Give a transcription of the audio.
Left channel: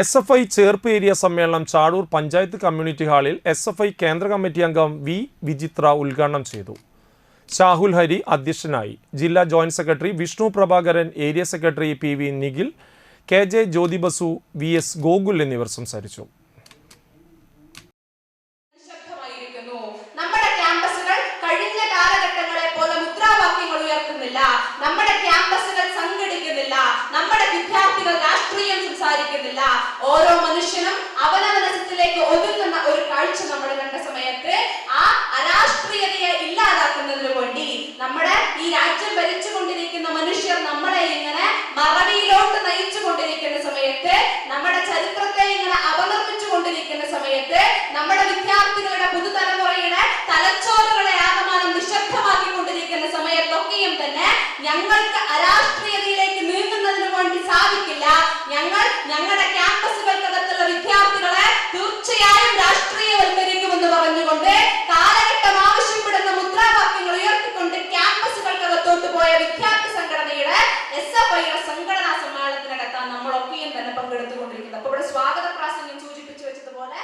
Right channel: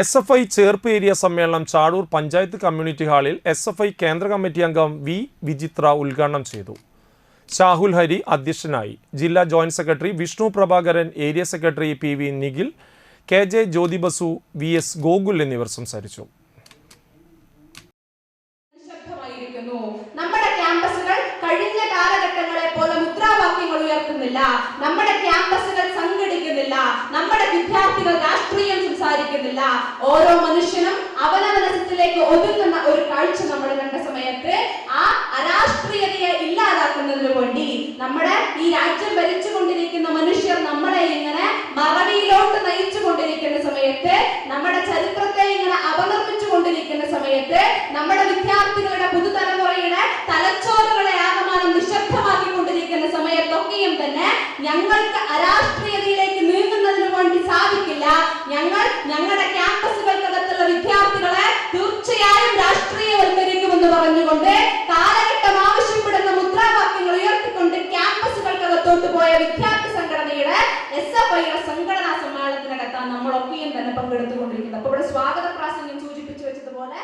SFI Cherpu area സമ്മേളനം Chadur panchayat community ഹാളിൽ SFI കേന്ദ്ര കമ്മിറ്റി അംഗം വി വിജിത്ര ഉദ്ഘാടനം ചെയ്തു. ഷാഹുൽ ഹരി അധ്യക്ഷനായി. ജില്ലാ joint secretary Vishnu Prabhakaran, area secretary PV Nikhil, KJ Jyothi Basu, VS Gokul എന്നിവർ സംസാരിച്ചു. നമ്മുടെ ക്യാമ്പസുകൾ കഴിഞ്ഞ കാലഘട്ടങ്ങളെ പോലെ മുദ്രാവാക്യങ്ങൾ ഉയർത്തുന്നില്ല, നമ്മുടെ ക്യാമ്പസുകൾ സംഘടിക്കുന്നില്ല, നമ്മുടെ വിദ്യാർത്ഥികൾ രാഷ്ട്രീയം സംസാരിക്കുന്നില്ല. ഓരോ മനുഷ്യനും അവനവനത്തിലേക്ക് ഒതുങ്ങുന്ന ഒരു കാഴ്ച നമ്മൾ കണ്ട സമയത്ത് ആ അരാഷ്ട്രീയതയെ ഇല്ലാതാക്കുന്നതിന് വേണ്ടി നമ്മുടെ ഈ രാജ്യം ഭരിച്ചുകൊണ്ടിരിക്കുന്ന മനുഷ്യർ നമ്മളെ ഇങ്ങനെ മറവിയിലോട്ട് നയിച്ചു കൊണ്ടിരിക്കുന്ന സമയത്ത്, നമ്മുടെ ചരിത്രത്തെ ഇങ്ങനെ അപകർപ്പിച്ചു കൊണ്ടിരിക്കുന്ന സമയത്ത്, നമ്മുടെ വിദ്യാർത്ഥികളുടെ പുതുതലമുറയുടെ തലച്ചോറുകളെ ആകമാനം നിശബ്ദമാക്കിക്കൊണ്ടിരിക്കുന്ന സമയത്തൊക്കെയും തന്നെ ഞങ്ങൾക്ക് അരാഷ്ട്രീയതയിലേക്ക് നീങ്ങുന്നതിന് വേണ്ടി സാധിക്കില്ല. ഞങ്ങളുടെ ക്യാമ്പസുകൾക്കകത്തുള്ള വിദ്യാർത്ഥികളെ തീർച്ചയായും രാഷ്ട്രീയവൽക്കരിക്കുമെന്ന് പറഞ്ഞുകൊണ്ട് കാലഘട്ടം ആവശ്യപ്പെടുന്ന മുദ്രാവാക്യങ്ങൾ ഉയർത്തിക്കൊണ്ട് ക്യാമ്പസുകൾക്കകത്തോട്ട് പോയ വിദ്യാർത്ഥി സംഘടനയുടെ SFI സംഘടനാ സമ്മേളനത്തിനകത്താണ് നമ്മളൊക്കെയും തന്നെ പങ്കെടുത്തുകൊണ്ടിരിക്കുന്നത്. അപ്പോൾ ഇവിടെ സ്വാഗത പ്രാസംഗം സൂചിപ്പിച്ചു വെച്ചതുപോലെ